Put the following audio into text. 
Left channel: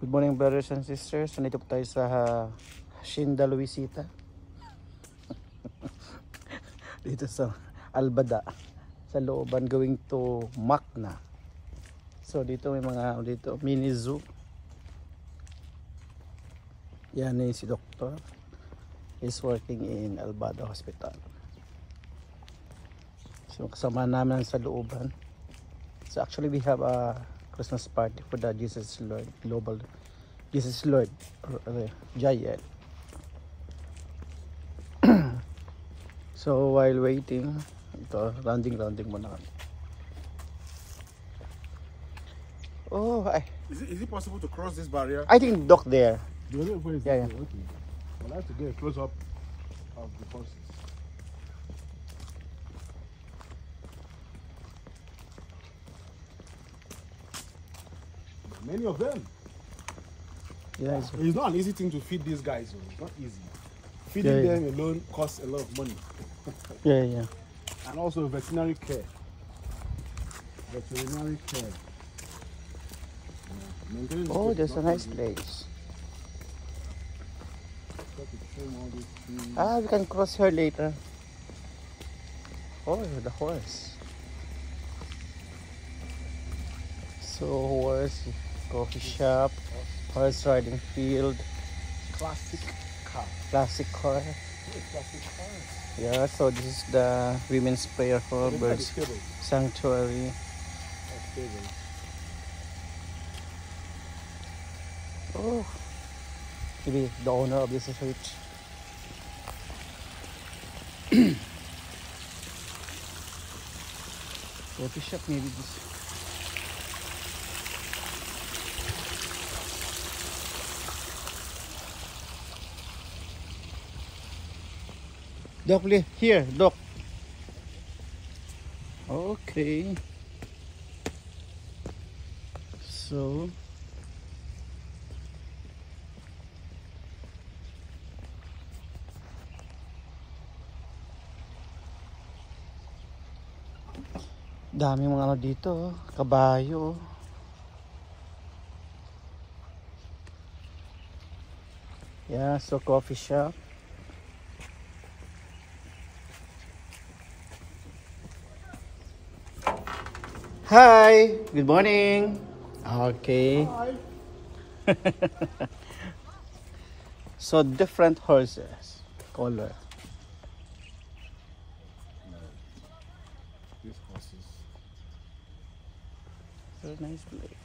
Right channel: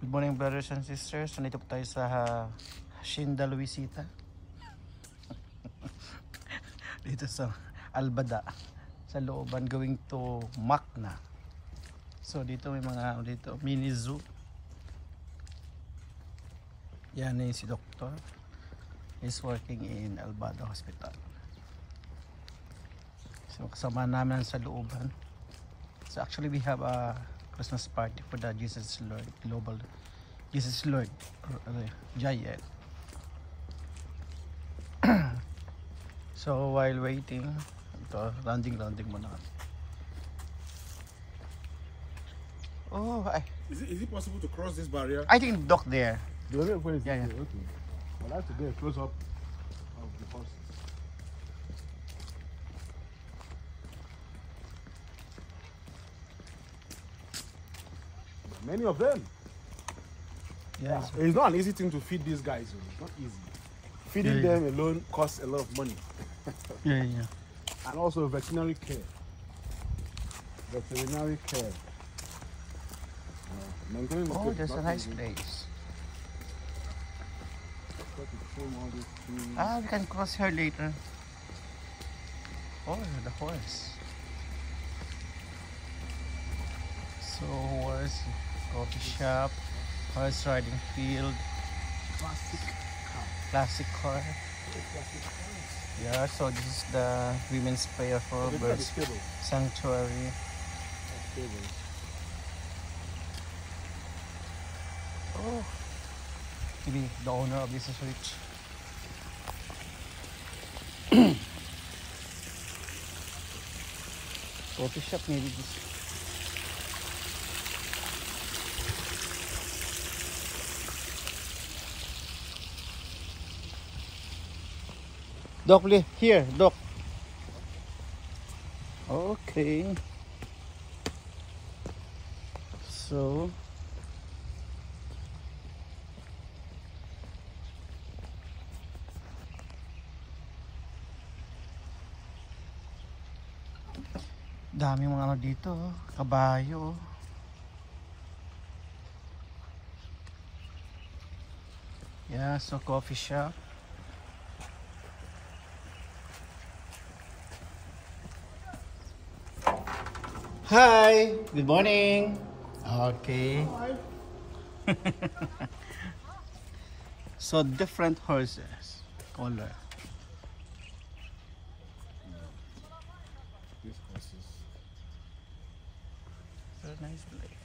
Good morning, brothers and sisters. Nandito po tayo sa Hacienda Luisita. Dito sa Albada. Sa looban going to Macna. So dito may mga mini zoo. Yan na si Doctor. He's working in Albada Hospital. So kasama namin sa looban. So actually we have a Christmas party for the Jesus Lord Global Jesus Lord JL. So while waiting, ito rounding muna. Oh, is it possible to cross this barrier? I think dock there. Yeah. Yeah. Okay. Well, I have to get a close up of the horses. Many of them. Yeah. It's not an easy thing to feed these guys. It's not easy. Feeding them alone costs a lot of money. Yeah. And also veterinary care. Oh, there's a nice place. We can cross here later. Oh, the horse. So horse, coffee shop, horse riding field, classic car. Yeah, so this is the women's prayer for birds sanctuary. Oh, the owner of this is rich. Coffee shop maybe. Doc, here, Doc. Okay. So dami mga ano dito, kabayo. Yeah, so coffee shop. Hi, good morning. Okay. Hi. So different horses, color. These horses. Very nice place.